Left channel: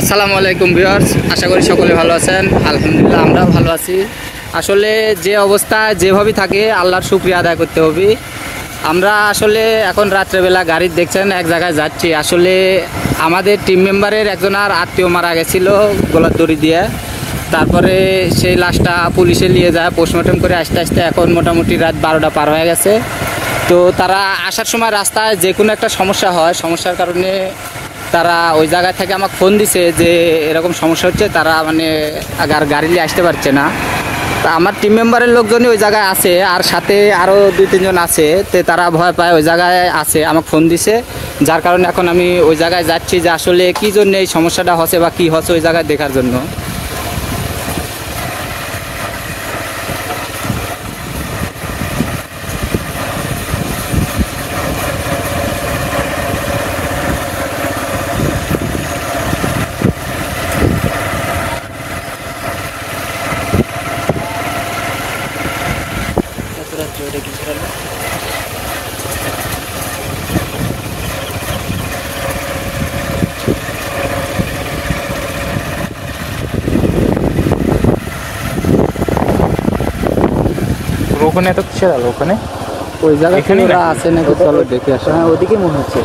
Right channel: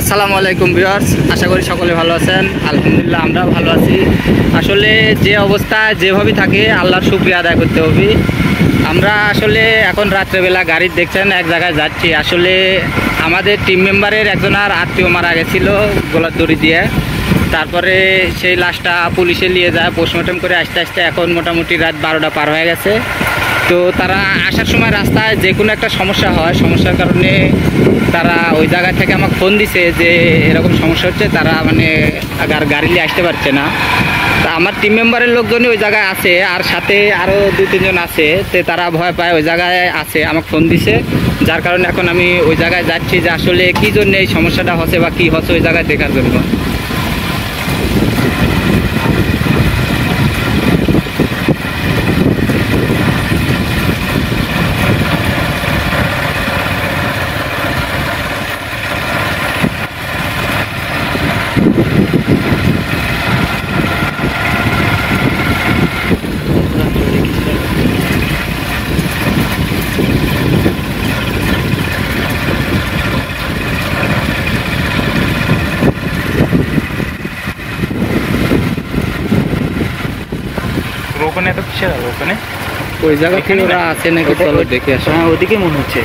আসসালামু আলাইকুম ভিউয়ার্স, আশা করি সকলে ভালো আছেন। আলহামদুলিল্লাহ আমরাও ভালো আছি। আসলে যে অবস্থা যেভাবে থাকে আল্লাহর শুকরিয়া আদায় করতে হবে। আমরা আসলে এখন রাত্রেবেলা গাড়ি দেখছেন এক জায়গায় যাচ্ছি। আসলে আমাদের টিম মেম্বারের একজনের আত্মীয় মারা গেছিল গলার দড়ি দিয়ে। তারপরে সেই লাশটা পুলিশে নিয়ে যায় পোস্টমর্টম করে আসতে আসতে এখন মোটামুটি রাত 12টা পার হয়ে গেছে। তো তারা আসার সময় রাস্তায় যে কোনো একটা সমস্যা হয়, সমস্যার কারণে তারা ওই জায়গা থেকে আমাকে ফোন দিছে যে এরকম সমস্যা হচ্ছে, তারা মানে আর গাড়ি নিয়ে আসতে পারছে না। তা আমার টিম মেম্বারের লোকজনই ওই জায়গায় আছে, আর সাথে আরও 2-3 জন আছে। তো তারা ভয় পায়, ওই জায়গায় আছে, আমাকে ফোন দিছে, যার কারণে এখন আমি ওই জায়গায় যাচ্ছি যে আসলে কী জন্য এই সমস্যাটা হচ্ছে বা কী হচ্ছে ওই জায়গায় দেখার জন্য। ওখানে তো কিসের আলো? ওখানে ওই জায়গা থেকে ওরা আছে নাকি, চলো দেখে আসো। হ্যাঁ, ওদিকে মনে হচ্ছে।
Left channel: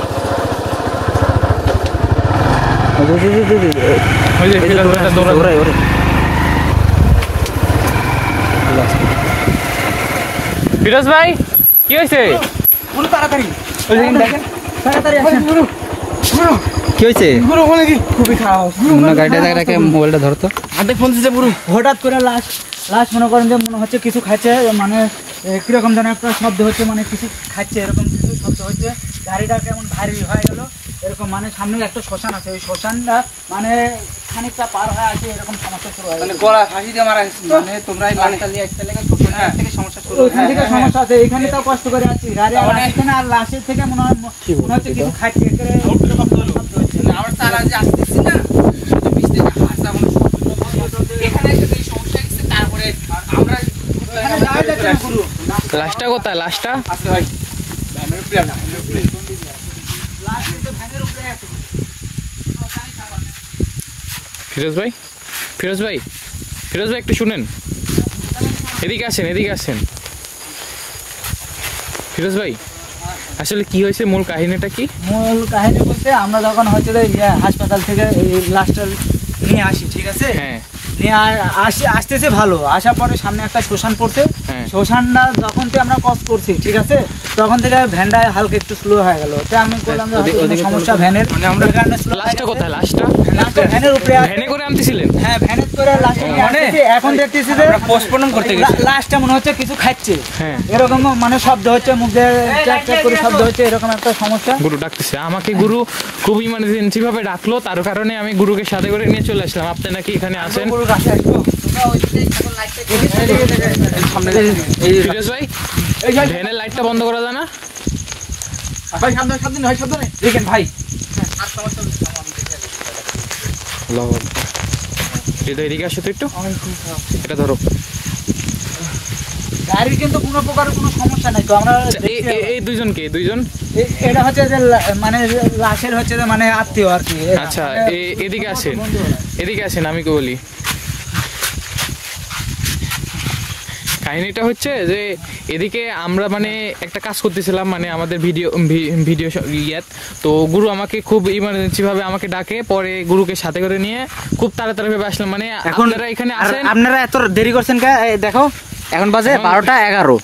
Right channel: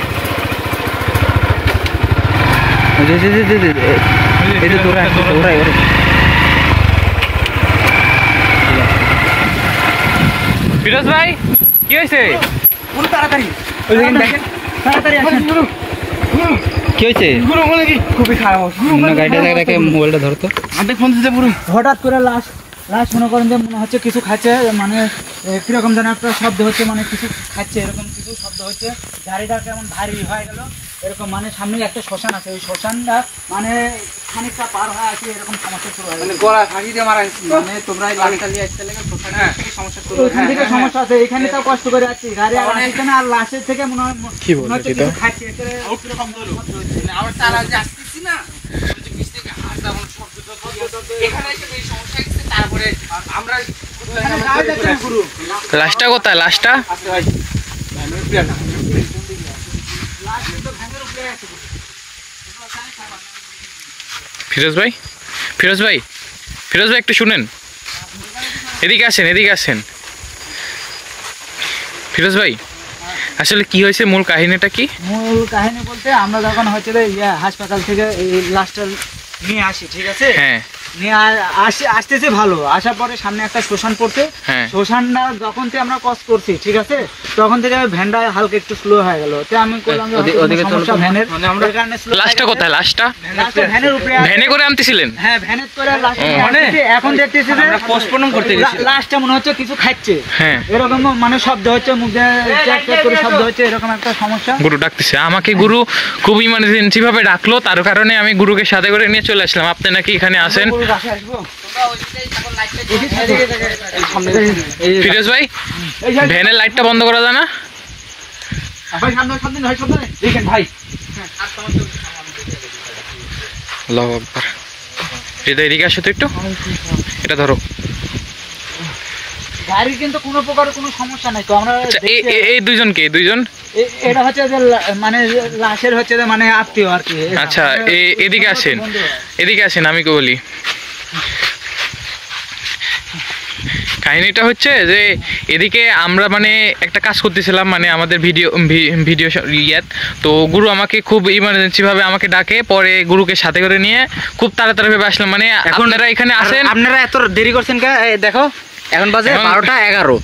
ফিরোজ ভাই, কি হয়েছে? তাড়াতাড়ি দেখেন, কি হয়েছে? খুবই খারাপ। গাড়িটা রেখে মোবাইলটা ধরতো। ফোন দিচ্ছে পুরো। হঠাৎ করে লাশ মনে করেন যে মনে হচ্ছে কিছু খাচ্ছে, মানে কিরকম যেন একটা শব্দ হচ্ছে, মানে কিছু খাচ্ছে এরকম কিছু শব্দ হচ্ছে। গাড়িটা কেমন ভারী হয়ে গেল এরকম, মানে সামনে একটা শ্মশান আছে, ওই শ্মশানটা মানে খানিকটা পার হয়ে আছে, এরকম সমস্যা শুরু হয়। মানে গলা ফাঁসি দিয়ে মারা গেছে। মানে তোমরা এই লাশটা নিয়ে আসতে লেগে থেকে সমস্যা শুরু ওইখান থেকে সমস্যা আছে, এইখানে তো কষ্ট করে আছি গাড়ি আর এখানে, আর লাশের থেকে মনে হচ্ছে কিছু খাচ্ছে। আমার তারা যে আসতেছি না, পিছ থেকে হাসা এখানে এই সমস্যা হচ্ছে। তারপরে আমরা লাশটা কোথায়? লাশটা ফিরোজ ভাই, ফিরোজ ভাই, ফিরোজ ভাই একটু শুনেন, এদিকে আসেন, এদিকে আসেন। ফিরোজ ভাই, আসলে কি হয়েছে? মূল কাহিনীটা কি? মূল কাহিনী বলতে আমরা যখন হচ্ছে হাসপাতাল থেকে এই লাশটা নিয়ে আসি, ঠিক আছে, হ্যাঁ, নিয়ে আসতেছে ভালো, আসার পরে সামনে একটা শ্মশান পড়ছে। হ্যাঁ, শ্মশানটা যখন থেকে আমরা ক্রস করছি, ঠিক আছে, তখন থেকে ভ্যানটা হালকা একটু স্লো হয়ে গেল। তো আমি বললাম সমস্যা ভ্যানের। লাশটা কোথায়? লাশটা ভ্যানের উপরে ভ্যানে করে আনতেছিলেন? হ্যাঁ, ভ্যানে করে এখন দেখতেছি যে পোস্টমর্টম করতে গেছে। লাশটা মনে হচ্ছে কিছু খাচ্ছে, হ্যাঁ, এরকম মানে শব্দ হচ্ছে, মুখে চ্যাক চ্যাক করে শব্দ হচ্ছে, এরকম একটা সমস্যা। গুরু ডাকতেছে আমাকে। গুরু খুব ইমার্জেন্সি ভাবে ডাকলো, তার কারণে আমি গুরুকে সাথে করে নিয়ে চলে আসলাম। আপনি নাকি এখানে আসেন? ফিরোজ ভাই, ভ্যানের লাইটটা বন্ধ করা যায় না? ভাই এদিকে আসো তো একটু, এটা ধরো। গাড়ির কিন্তু কোনো প্রকার কোনো সমস্যা নাই তো। আমরা এই দুইজনকে, দুইজন এটা হচ্ছে যে মানে লাশের হচ্ছে যে মানে আত্মীয় আর কি। আচ্ছা, এদিকে আসেন, এদিকে আসেন, আমি কি বলি। কাহিনীটা হচ্ছে যে এদিকে আমরা মানে একটা কাজ করতেছিলাম, মানে আমাদের ভিডিও ইয়াত। তো গুরু আমাকে খুব ইমার্জেন্সি ভাবে আমাকে ডাকে, পরে গুরুকে সাথে করে নিয়ে খুব তাড়াতাড়ি ভাবে আসলাম। মানে আপনারা এখানে আসেন। আপনারা এত দেরি করছেন কে? দেখো এখন বাজে 12:11,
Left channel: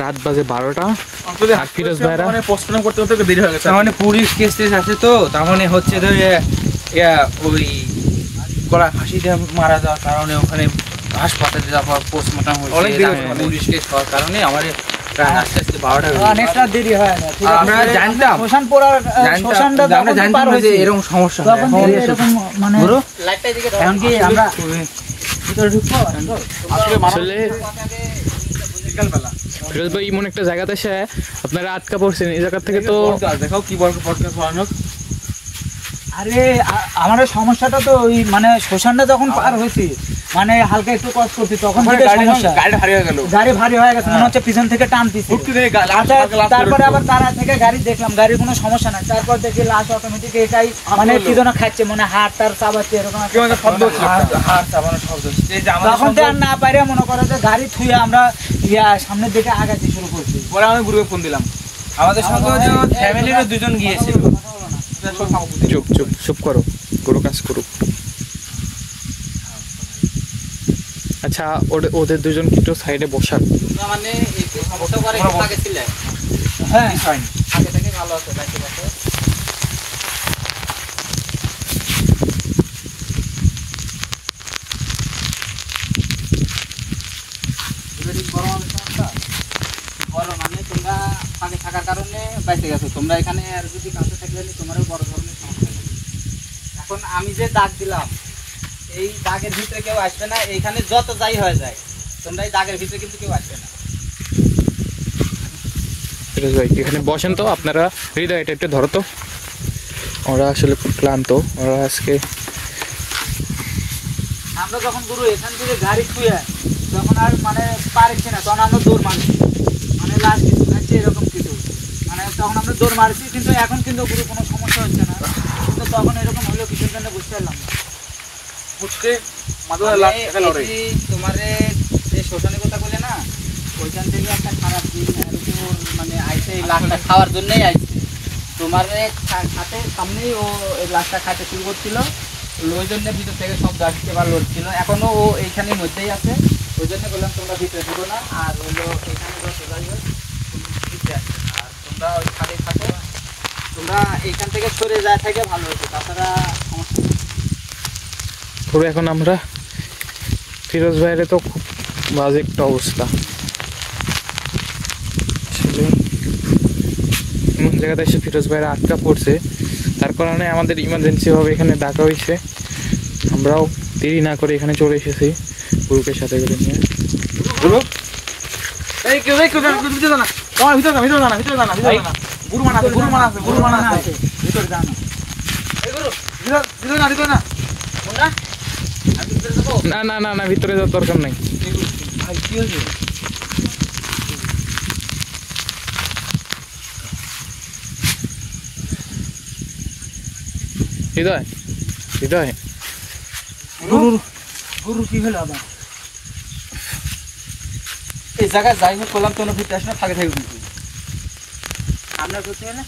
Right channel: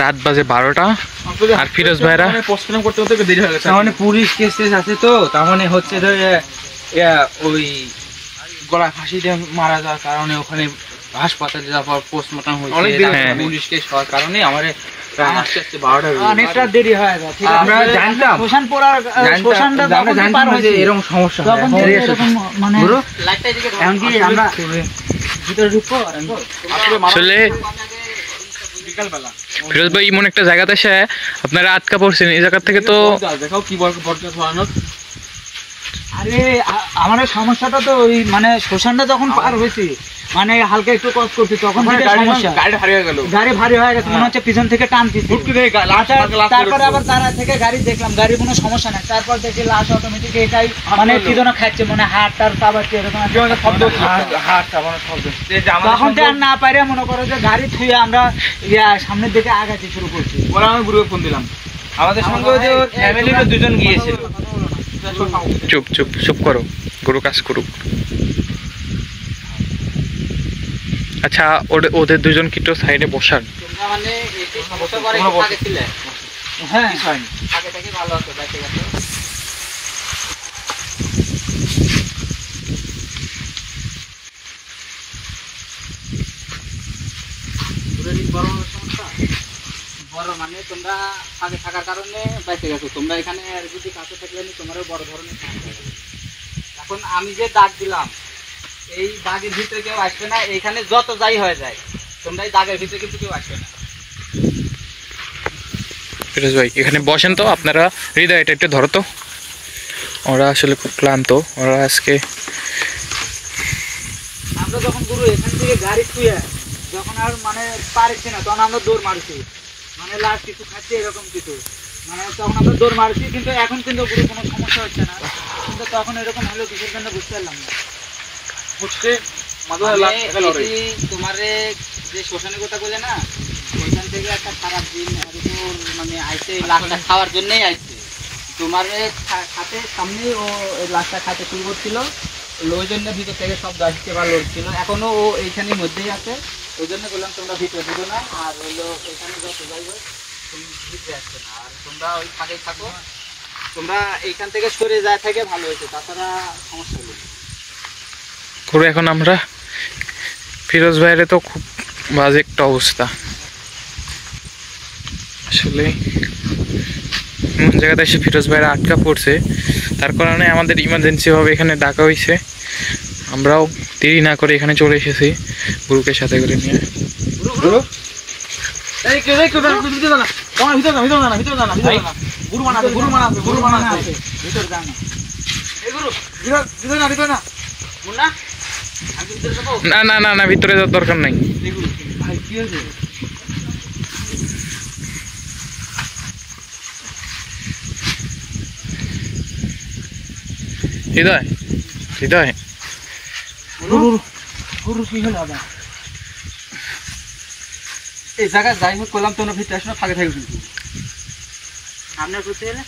রাত বাজে 12টা। আর ফিরোজ ভাইরা পোস্টমর্টম করতে করতে দেরি হয়ে গেছে। মানে পুলিশ কেস আছে তো, তার মানে হচ্ছে ওই গলা ফাঁসি দিয়ে মারা যাওয়ার কারণে ওখানে হাসপাতালে যাওয়ার পোস্টমর্টম হয়েছে। পুলিশ কেস হওয়ার কারণে আমাদের আস্তে আস্তে 12টা অনেকটা দেরি হয় না। আমরা জানতাম, শ্মশান পড়ার শ্মশানটা আমরা জানতাম যে এরকম সমস্যা হয়। মানে এখন কি আমরা ভিতরে ঢুকবো? আসলে ফিরোজ ভাই এমন একটা জায়গাতে এসে আপনারা আটকা পড়ছেন, এই জায়গা থেকে তো দেখাও কি বড় আরে আমাদের সমস্যাটা তো ওই মানে শ্মশানটা যখন পার হয়েছি মানে হালকা একটু কষ্ট করছি তখন থেকে সমস্যা। গাড়ি ভারী হয়ে গেছে মনে হচ্ছে পিছন থেকে টানতেছে। তারপরে আবার তারা থেকে গাড়ি দেখলাম গাড়ির কোনো সমস্যা নাই, তারপর দেখি লাশ অটোমেটিক এটাই মানে কি যেন খাচ্ছে মনে হাত টার চাবাচ্ছে এরকম তখন তো আর না পারে মনে করো যে গাড়ি থুয়ে আমরা সামনের দিকে আগাতে শুরু করছি। পরে আমি গ্রুপে ফোন দিলাম, আমাদের সঙ্গে যে ফ্যামিলিরও দুজন গিয়েছিল। চুপ চুপ চুপ করো, গুরু কাজ করুক। আচ্ছা ওদের দুজন কি একটু সাইডে বসার? মানে বসে করে আগে ছিল, হ্যাঁ আগে থেকে ভালো আছে বাকি আছে। বড় মানে তোমরা আগে থাকার কারণে বাইতে গেছো, তোমরা এখানে আর যদি কাছে থাকলে তোমারও বড় ধরনের সমস্যা হবে। এখন আমি যে দাগ দিলাম এই দাগের ভিতরে কেউ আসবে না, এখানে যত যাই হয়ে যায় তোমরা এই দাগের ভিতরে কিন্তু কেউ আসবে না। ফিরোজ ভাই এখানে বসেন তো, আপনারা হৃদয় এটা একটু ধরো তো, ওরা আসলে খুব ক্লান্ত, ওরা আজকে আমরা যখন গুরু এখান থেকে গাড়ি থুয়ে যখন আর মানে পারছি না তখন আমরা দৌড় মারছি, মানে লাশ কিছু খাচ্ছি এরকম কিছু, মানে তখন আমরা দৌড় মারছি। কিন্তু এখন কিন্তু গুরু কোনো সমস্যা হচ্ছে না, কিন্তু তখন এরকম হলো কিছুর জন্য বুঝতে পারলাম না। তোমার যে শ্মশানের কথা বলে না, এখান থেকে একটা খারাপ দিন মানে আইসে এই লাশটা খাওয়ার জন্যই আইসে। তোমার খাতে সামনেই ও এই লাশটা খাইতে শুরু করছিল, ওই জন্য ভিতর থেকে শব্দ আসছে বা লড়ছিল। এখনো ও এইখানের মধ্যেই আছে, ওই জন্য বললাম তোমরা ভিতরে ঢুকো না, আর হইলো এখানে যত যাই হোক ভিতরে আসবে না, আর তোমরা ওই খাটে থাকো, তোমরা এইখান থেকে সরে যায় থেকে ভালো হয়েছে, তাছাড়া সমস্যা নেই। করে এখন আমরা ফিরোজ ভাইয়ের তো খুব বাজে একটা অবস্থা, আসলে এমন জায়গাতে এসে ফিরোজ ভাইয়ের আটকা পড়ছে, তার কারণে আমাদের ইমার্জেন্সিভাবে এখানে ডাকা হয়েছে। আমরাও দেরি না করে এখানে চলে এসেছি গুরুকে সাথে করে নিয়ে। না না না না, ভিতরে যাওয়ার দরকার নাই। হৃদয় হৃদয় গুরু কি হলো আবার এই জায়গায় যাই হোক করলাম তো ভিতরে আসলে ফাঁকে থাকবে কিন্তু সামনে করতে এলে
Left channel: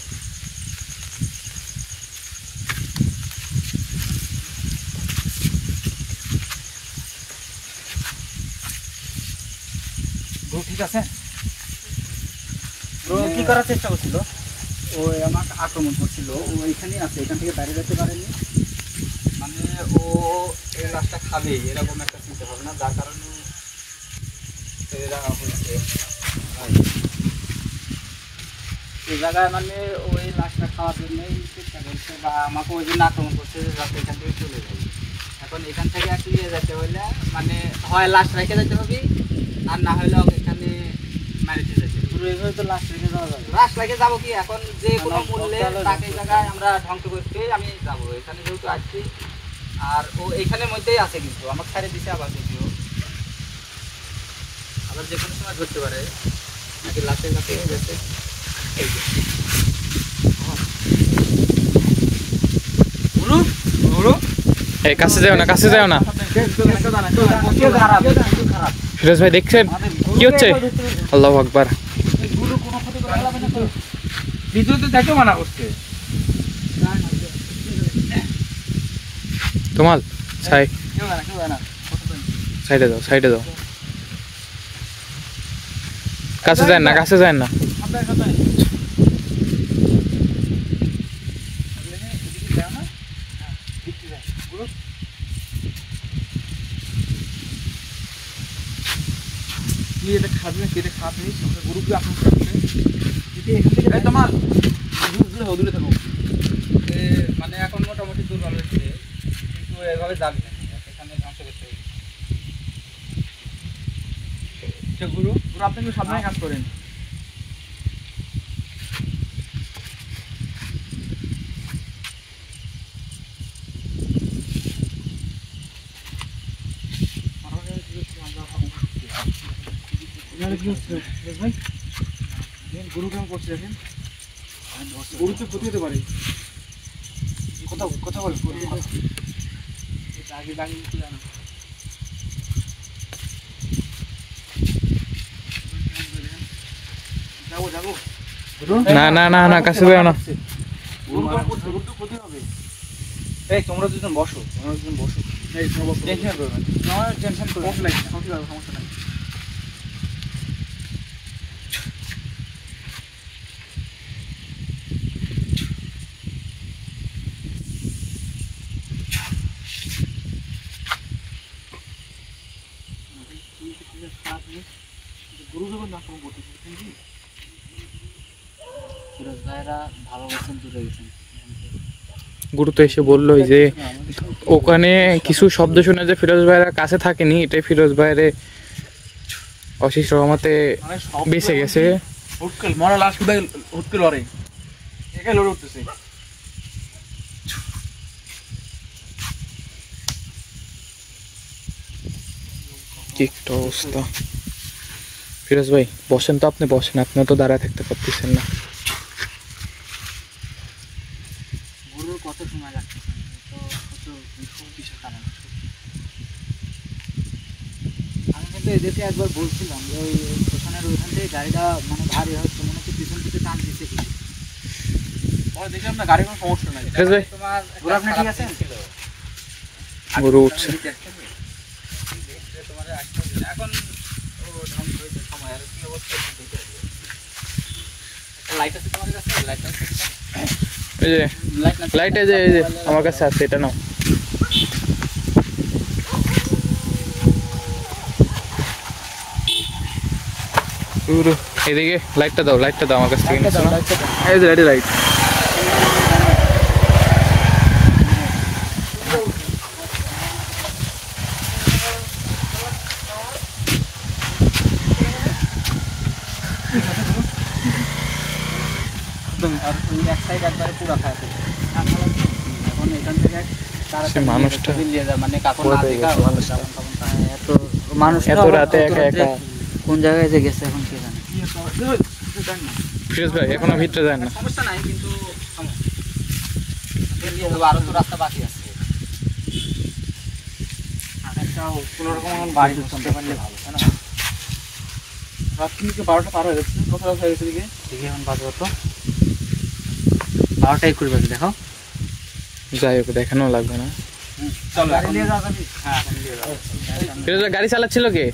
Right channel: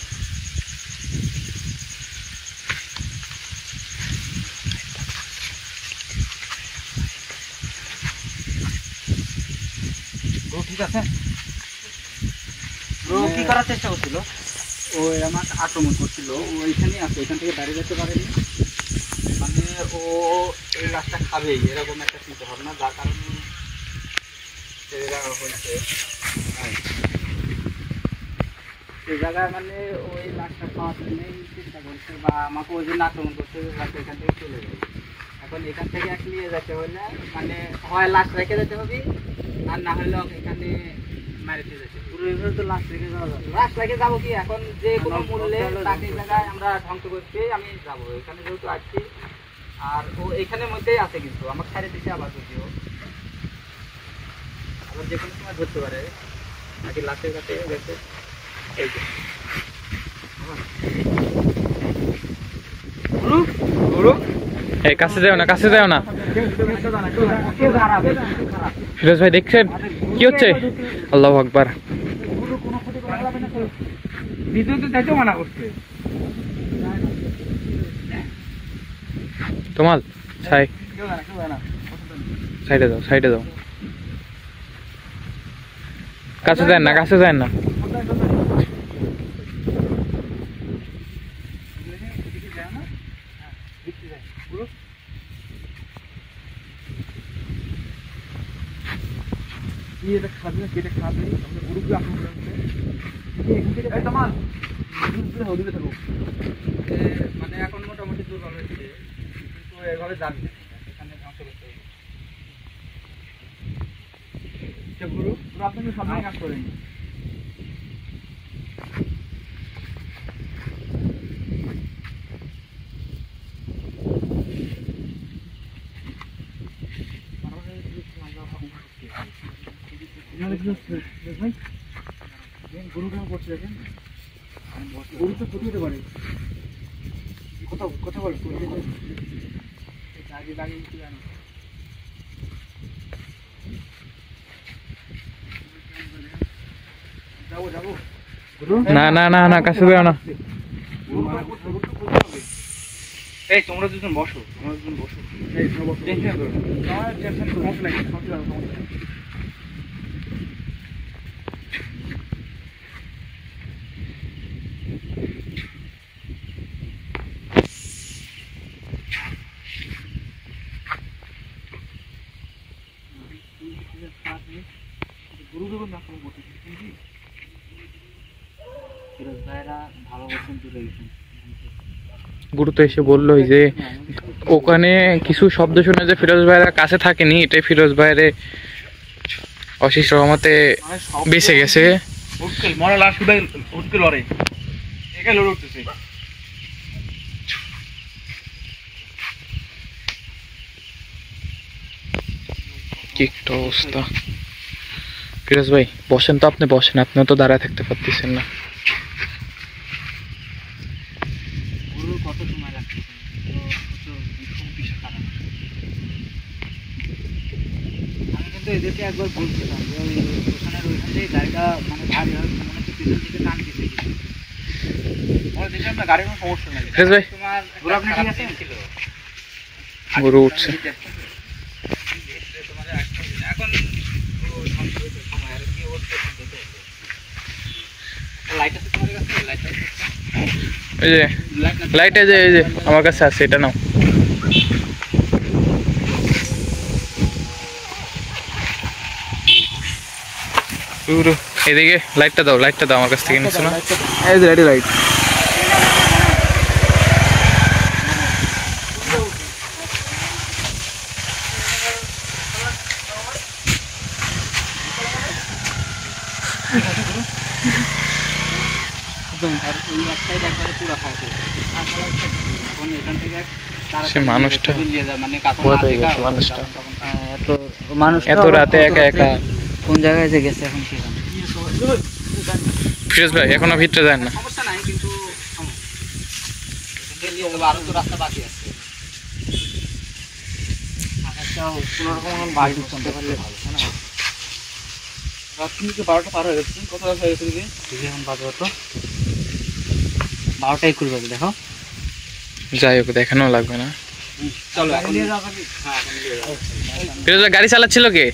ঠিক আছে। ও কি করার চেষ্টা করছিল? ও আমাকে আক্রমণ করছিল, ও এখানেই আছে, এখান থেকে দাঁড়িয়ে যেতে পারেনি, মানে ও এই রাস্তা খাবেই এরকম একটা চিন্তা ভাবনা, যার কারণে এই জায়গায় মানে ওই রাস্তা খাওয়ার জন্যই চিন্তা করছে বা আমাকে ওই জন্য আক্রমণ করছে যে যাতে এখান থেকে চলে যায়। এখন এখান থেকে নিয়ে যেতে হলে মানে হয় লাশ রেখে যেতে হবে, আর না হলে এখানে মারিতে যেতে হবে। তো লাশ রেখে যাওয়া যাবে, লাশ রেখে যাবো কি এখন যে কোনো মূল্যে তাকে এই জায়গায় আমরা ধ্বংস করতে আমি যাবো, এখানে যেহেতু আসছি আর ও এইখানের মধ্যেই আছে, কিন্তু আমাকে ছাড়ে দিচ্ছে আবার যদিও আবার যে কোনো সময় ধরতে পারে নাকি লাশের কাছে গেছে। এই যে এই কাছে যাও না, কাছে যাও না। ফিরোজ ভাই দেখছেন কি হচ্ছে? আল্লাহু আকবার। তোমাল সাইডে দাও, সাইডে দাও, কাছে যায় না, কাছে যায় না। খাবে কেটে খাবে গরুকে আক্রমণ করছে দূরে থাকো, মানে এখন মোটামুটি দুর্বল হচ্ছে, কিন্তু এভাবে যাবে না, এখানে ধ্বংস করতে হবে। গুরু গুরু আপনি কিন্তু সাবধানে কাজ করেন। ভাই গরু কেমন করছে দেখেন, গরু তো ক্ষতি হতে পারে। কথা বল আগে দাঁড়িয়ে জানো যাবো না না না না, কাছে যাও না। এই তোমরা দুজন বসো, এই তোমরা বসো, টেনশন করো না, সমস্যা নাই। গরু যখন আক্রমণ করতেছে ফিরোজ ভাইরা ভালো গেছেন, দূরে গেছেন। গুরু তো এসে বললো যে ওখানে কিছু শব্দ শুনে যে ফিরোজ ভাইরা কাছে থাকেনি, এটাই ফিরোজ ভাইরে অশেষ রহমতে বেঁচে গেছে। হুটকেল মরা লাশ হুটকেল লড়ে, একাই লড়ে উঠতেছে। কি একটা অবস্থা। ফিরোজ ভাই বসেন তো, আপনি বসেন, আপনিও তো দাঁড়ায় থাকতে পারতেছেন না। গরুর কত সময় লাগছে, আমি কিন্তু এদেরকে একবার বলছিলাম যে ওইখান থেকে গাড়িটা মানে ভারী হচ্ছে, মনে হচ্ছে পিছন থেকে টান দিচ্ছে। দেখি আপনার গাড়ির কোনো সমস্যা নাই। ফিরোজ ভাই গরু আপনি ঠিক আছে? গরু উঠছে। এখন সময় আর কি অবস্থা লাইট আছে তোমার কাছে? লাইট আছে, এই যে লাইট, এই যে আমার কাছে আছে, এটা নাও। এদিকে লাইটটা দাও, আমার কাছ থেকে নিচ্ছ না? এই যে লাইট সে মানুষটা এত রাতে একা একা কোন জায়গায় যে গেছে এখন সেখানে। ফিরোজ ভাই এখনো ভিতরে যান না। সমস্যা নাই, কিন্তু আরো তো রাস্তা বাকি আছে। কোনোরকম বাড়ি ঢুকতে পারলে ভালো, তাই না? রাত কিন্তু 12টা পার হয়ে গেছে। কত রাত হয়ে গেছে দিকে? এখন বাজে কত? 12টাই করে বাজে, দেখো। যাই হোক, দেখানো লাগবে না। ফিরোজ ভাই গাড়ি চালাচ্ছিল কে?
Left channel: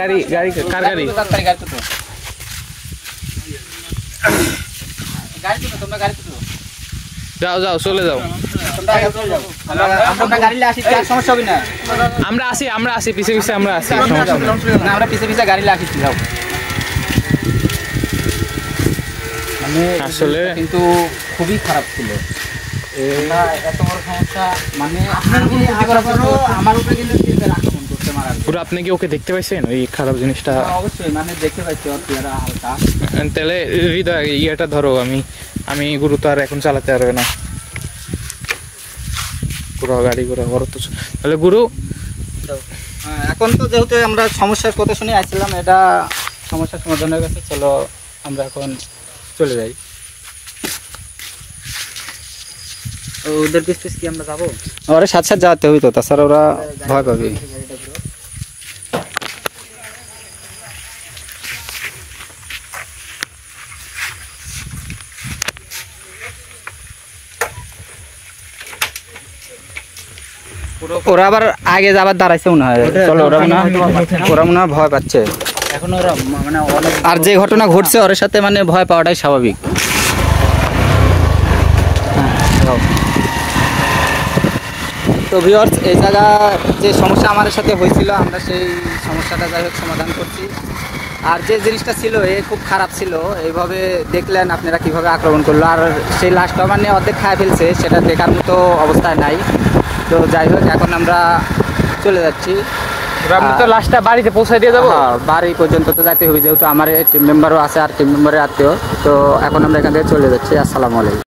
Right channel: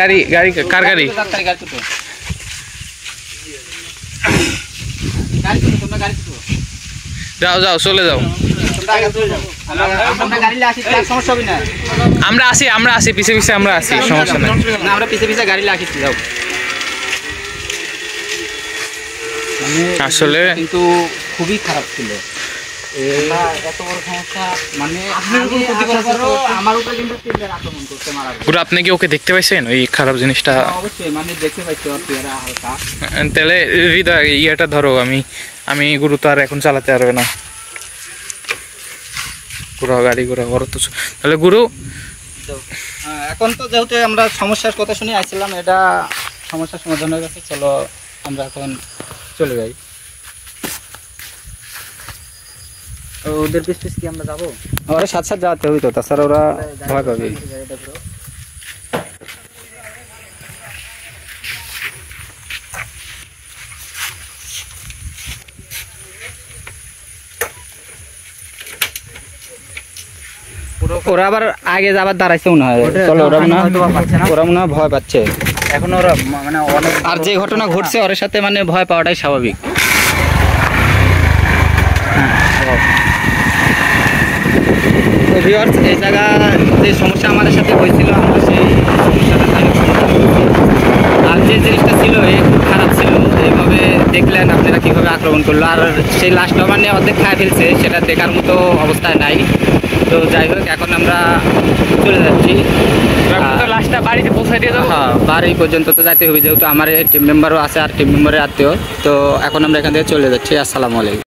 গাড়ি কার গাড়ি? যাও যাও, চলে যাও। আমরা আসি পিছে পিছে, আমরা আসি, সমস্যা নেই। আমরা পিছে পিছে গাড়ি লাগিয়েছি। আসলে কিন্তু খুবই খারাপ ছিল। এত বড় সমস্যা, মানে আমার উপরে কিন্তু আক্রমণ করতে মারা। পুরো আপনি কি ওকে দেখতে পাইছেন ওই খারাপ জিনিসটা? অবশ্যই মানে দেখতে পাইছি, ওর চেহারা হালকা। তাহলে হৃদয় ইয়েটা ধরো, আমি গুরু তো আর এখন চালাতে পারবে না। পুরো গাড়ি ঘোরা বড় তো, তাহলে গুরু এখন তো যেহেতু আমরা সমস্যার কথা শুনে আসছিলাম, এটা সমস্যার সমাধান হয়ে গেছে। চলো আমরা এখন চলে যাই। ওদের পিছ পিছ কি আমরা যাবো? ওরা সাথে সাথে যাতে হবে তো, তাছাড়া ওরা ভয় পাবে। ওরা আবার আগে যাবার দাঁড়াইছে মনে হয়। চলো, ওরা মনে হয় ভয় পাচ্ছে এখন। ওরা মানে আর যে ঘটনা ঘটছে ওর সাথে, মানে ভয় পাওয়াটাই স্বাভাবিক। তো ভিউয়ার্স, এই জায়গা যে সমস্যা আমাদের সাথে হয়েছিল, আমরা সেই সমস্যাটা যাই হোক সমাধান করছি। আর যে জিনিসটা ছিল এ খুব খারাপ ছিল। এইভাবে দেখলেন আপনারা কিভাবে আক্রমণ করলো, আর সেই লাশটা মানে অর্ধেক খায় ফেলছে, সেটা দেখার মতো অবস্থায় নাই। তো যাই হোক, এখন আমরা চলে যাচ্ছি। লাশটা বাড়িতে পৌঁছে দিয়ে দেবো। হ্যাঁ, বাড়ি পর্যন্ত তো যাইতে হবে, যেহেতু আমার টিম মেম্বারও আছে আর টিম মেম্বারের আত্মীয়। তো এখন আমরা এখান থেকে চলে যাচ্ছি। আসসালামু আলাইকুম।